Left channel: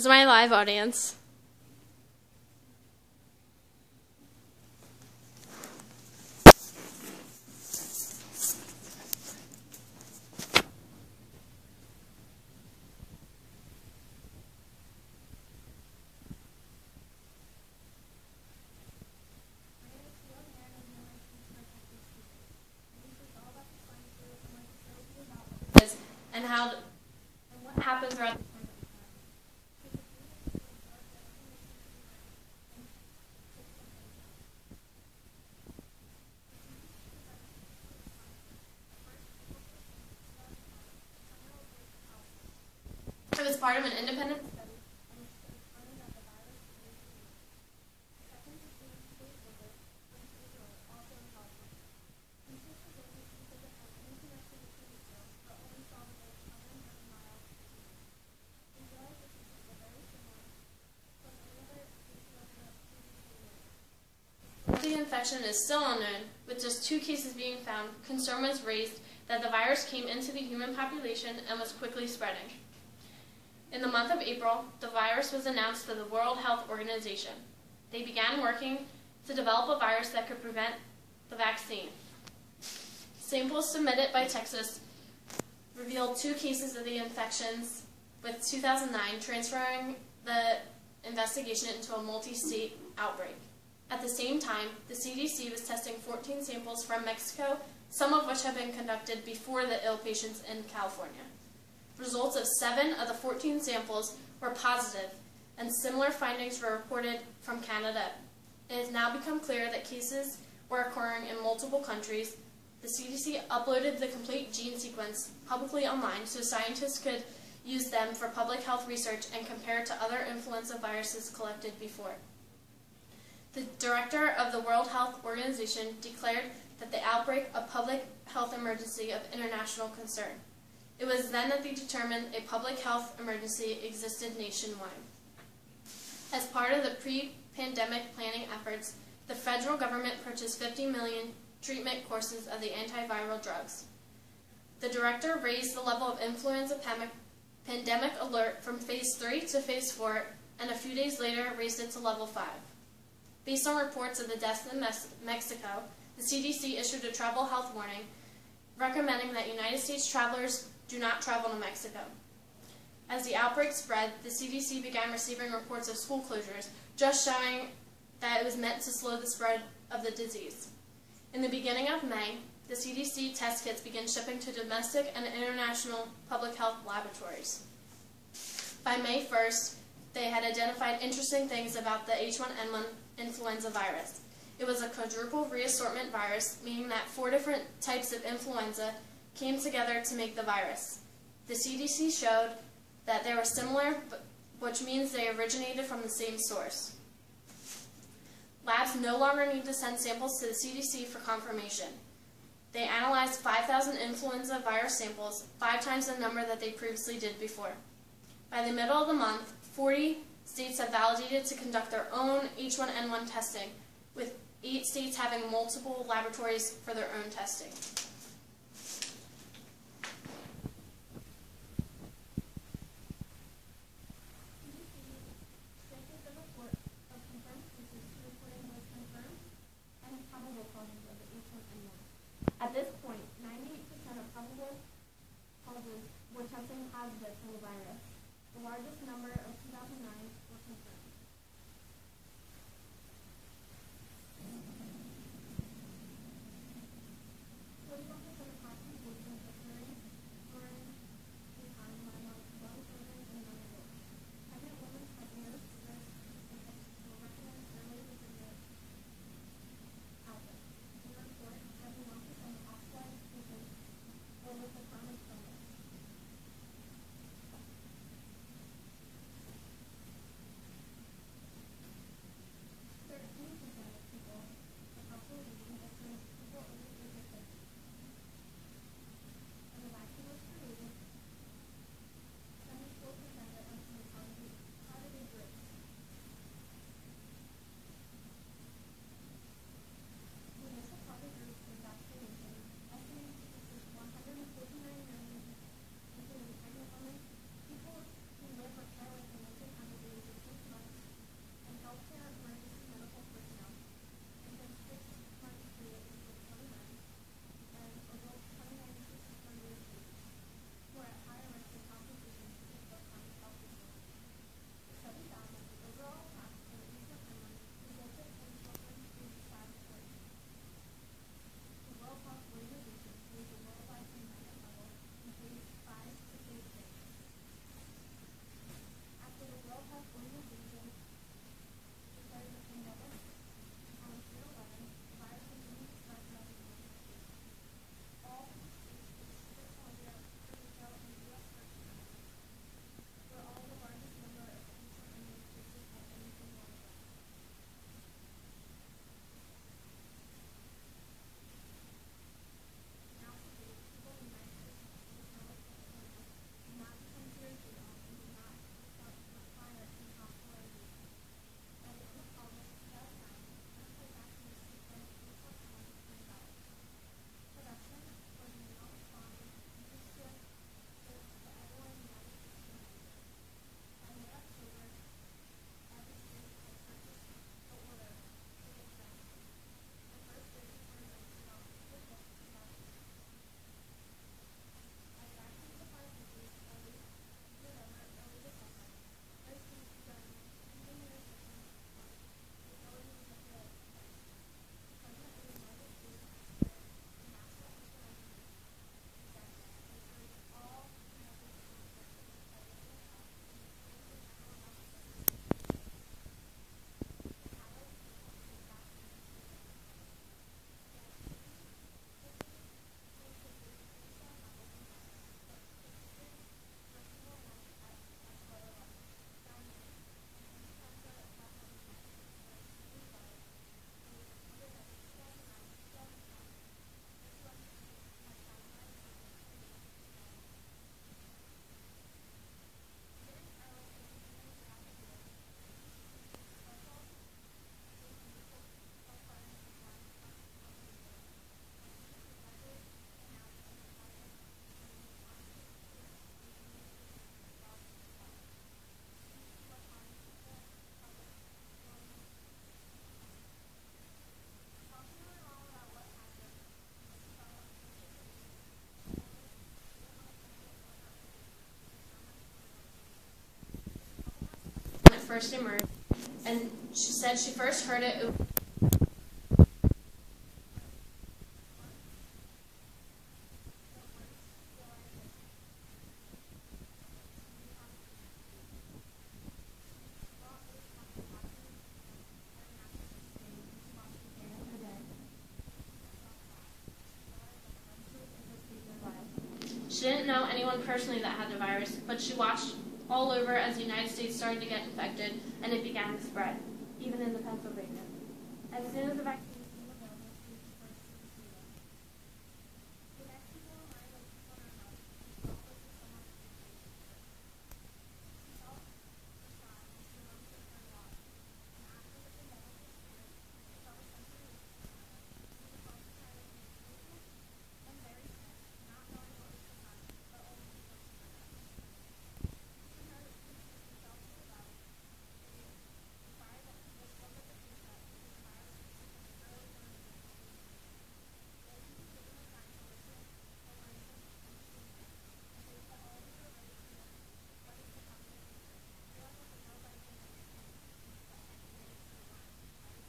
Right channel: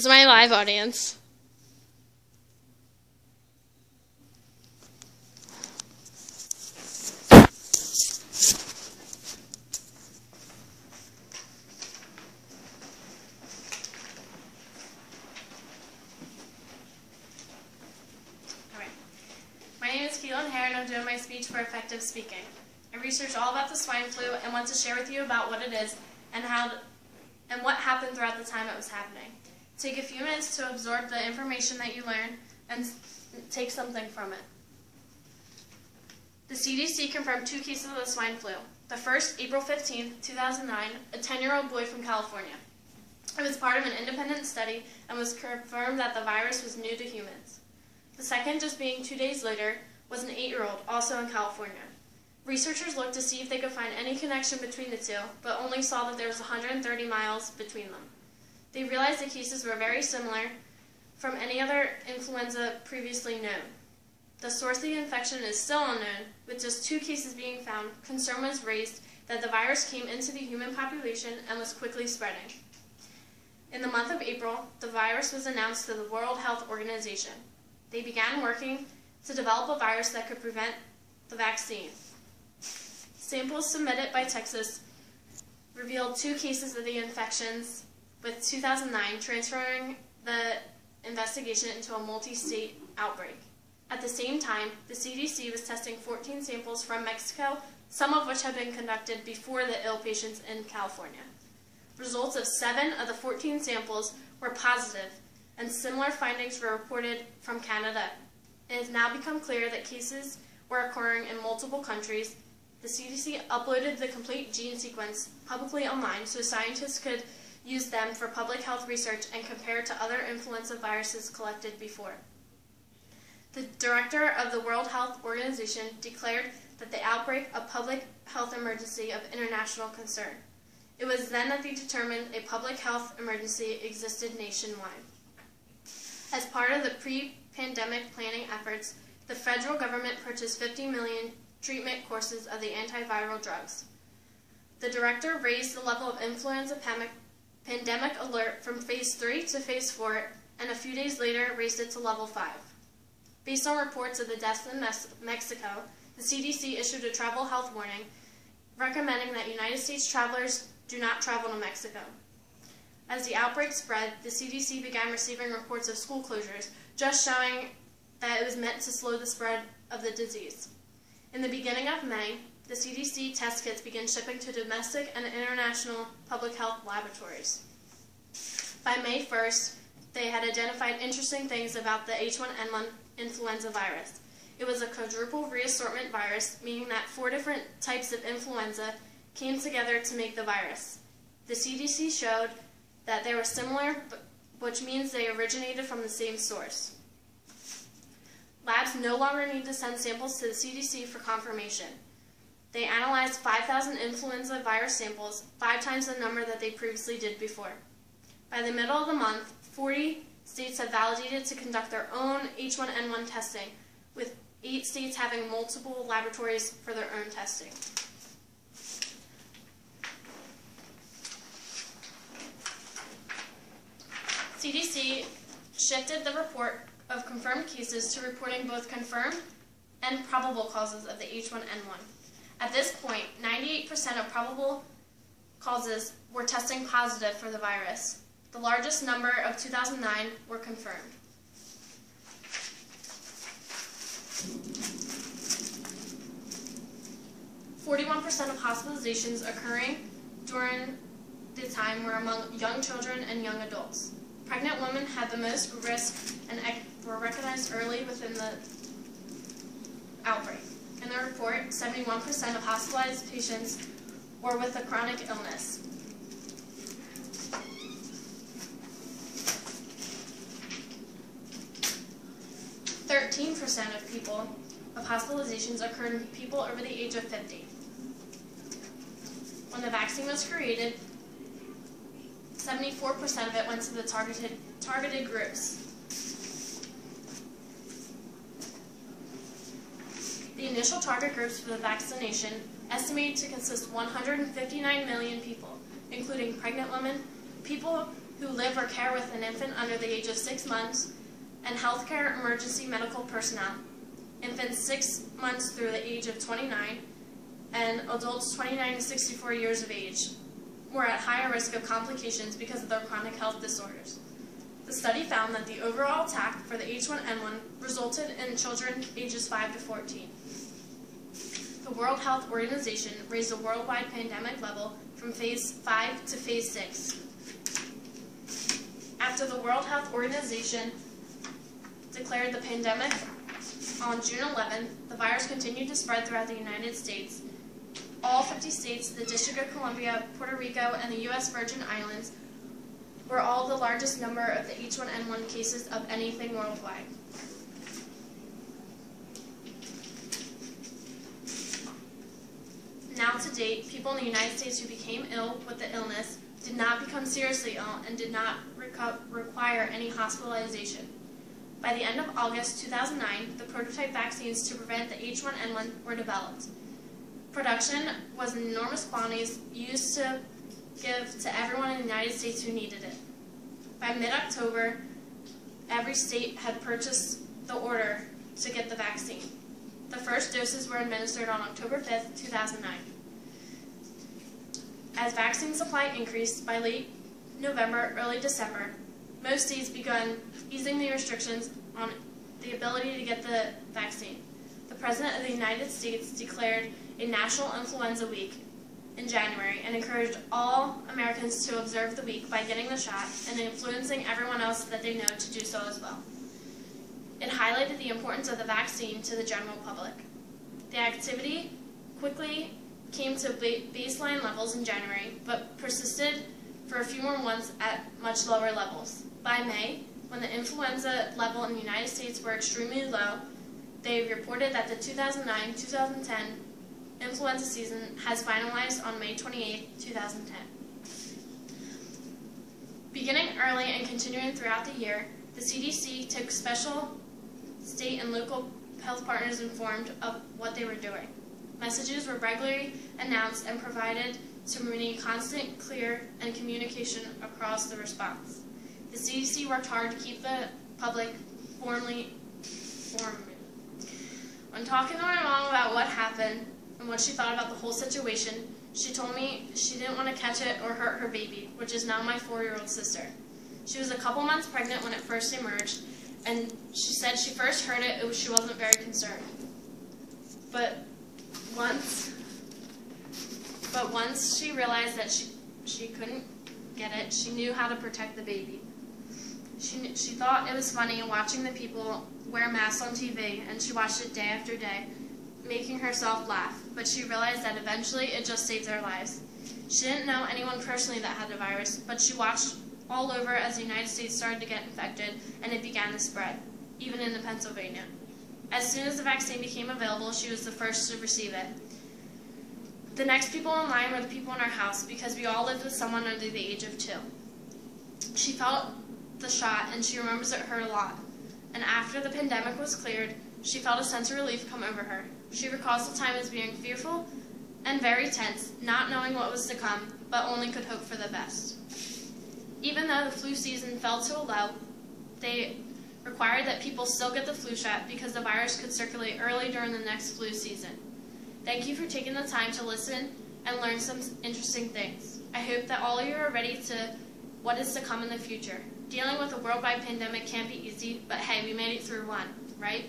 This is my live audience. My name is Keelan Hare, and I'm doing my speech for effective speaking. I researched all about the swine flu and want to share with you about what it is and what happened throughout the time it was happening. Take a few minutes to absorb the information that you learn and take something from it. The CDC confirmed 2 cases of the swine flu. The first, April 15, 2009, a 10-year-old boy from California. It was part of an independent study and was confirmed that the virus was new to humans. The second, just being 2 days later, was an 8-year-old, also in California. Researchers looked to see if they could find any connection between the two, but only saw that there was 130 miles between them. They realized the cases were very similar from any other influenza previously known. The source of the infection is still unknown, with just 2 cases being found. Concern was raised that the virus came into the human population and was quickly spreading. In the month of April, the virus was announced to the World Health Organization. They began working to develop a virus that could prevent the vaccine. Samples submitted by Texas revealed 2 cases of the infections, with 2009 transferring the investigation into a multi-state outbreak. At the same time, the CDC was testing 14 samples from Mexico, some of which had been conducted before the ill patients in California. Results of 7 of the 14 samples were positive, and similar findings were reported from Canada. It has now become clear that cases were occurring in multiple countries. The CDC uploaded the complete gene sequence publicly online so scientists could use them for public health research and compare to other influenza viruses collected before. The director of the World Health Organization declared that the outbreak a public health emergency of international concern. It was then that they determined a public health emergency existed nationwide. As part of the pre-pandemic planning efforts, the federal government purchased 50 million treatment courses of the antiviral drugs. The director raised the level of influenza pandemic alert from phase 3 to phase 4, and a few days later raised it to level 5. Based on reports of the deaths in Mexico, the CDC issued a travel health warning recommending that United States travelers do not travel to Mexico. As the outbreak spread, the CDC began receiving reports of school closures, just showing that it was meant to slow the spread of the disease. In the beginning of May, the CDC test kits began shipping to domestic and international public health laboratories. By May 1st, they had identified interesting things about the H1N1 influenza virus. It was a quadruple reassortment virus, meaning that 4 different types of influenza came together to make the virus. The CDC showed that they were similar, which means they originated from the same source. Labs no longer need to send samples to the CDC for confirmation. They analyzed 5,000 influenza virus samples, 5 times the number that they previously did before. By the middle of the month, 40 states have validated to conduct their own H1N1 testing, with 8 states having multiple laboratories for their own testing. CDC shifted the report of confirmed cases to reporting both confirmed and probable causes of the H1N1. At this point, 98% of probable causes were testing positive for the virus. The largest number of 2009 were confirmed. % of hospitalizations occurring during the time were among young children and young adults. Pregnant women had the most risk and were recognized early within the outbreak. In the report, 71% of hospitalized patients were with a chronic illness. of hospitalizations occurred in people over the age of 50. When the vaccine was created, 74% of it went to the targeted groups. The initial target groups for the vaccination estimated to consist 159 million people, including pregnant women, people who live or care with an infant under the age of 6 months, and healthcare emergency medical personnel, infants 6 months through the age of 29, and adults 29 to 64 years of age were at higher risk of complications because of their chronic health disorders. The study found that the overall attack for the H1N1 resulted in children ages 5 to 14. The World Health Organization raised the worldwide pandemic level from phase 5 to phase 6. After the World Health Organization declared the pandemic on June 11th, the virus continued to spread throughout the United States. All 50 states, the District of Columbia, Puerto Rico, and the U.S. Virgin Islands were all the largest number of the H1N1 cases of anything worldwide. Now to date, people in the United States who became ill with the illness did not become seriously ill and did not require any hospitalization. By the end of August 2009, the prototype vaccines to prevent the H1N1 were developed. Production was in enormous quantities used to give to everyone in the United States who needed it. By mid-October, every state had purchased the order to get the vaccine. The first doses were administered on October 5th, 2009. As vaccine supply increased by late November, early December, most states began easing the restrictions on the ability to get the vaccine. The President of the United States declared a National Influenza Week in January and encouraged all Americans to observe the week by getting the shot and influencing everyone else that they know to do so as well. It highlighted the importance of the vaccine to the general public. The activity quickly came to baseline levels in January, but persisted for a few more months at much lower levels. By May, when the influenza level in the United States were extremely low, they reported that the 2009-2010 influenza season has finalized on May 28, 2010. Beginning early and continuing throughout the year, the CDC took special state and local health partners informed of what they were doing. Messages were regularly announced and provided to maintain constant, clear, and communication across the response. The CDC worked hard to keep the public formally informed. When talking to my mom about what happened and what she thought about the whole situation, she told me she didn't want to catch it or hurt her baby, which is now my 4-year-old sister. She was a couple months pregnant when it first emerged, and she said she first heard it, she wasn't very concerned. But once she realized that she couldn't get it, she knew how to protect the baby. She thought it was funny watching the people wear masks on TV, and she watched it day after day, making herself laugh, but she realized that eventually it just saved their lives. She didn't know anyone personally that had the virus, but she watched all over as the United States started to get infected, and it began to spread, even into Pennsylvania. As soon as the vaccine became available, she was the first to receive it. The next people in line were the people in our house, because we all lived with someone under the age of 2. She felt the shot, and she remembers it hurt a lot. And after the pandemic was cleared, she felt a sense of relief come over her. She recalls the time as being fearful and very tense, not knowing what was to come, but only could hope for the best. Even though the flu season fell to a low, they required that people still get the flu shot because the virus could circulate early during the next flu season. Thank you for taking the time to listen and learn some interesting things. I hope that all of you are ready to what is to come in the future. Dealing with a worldwide pandemic can't be easy, but hey, we made it through one, right?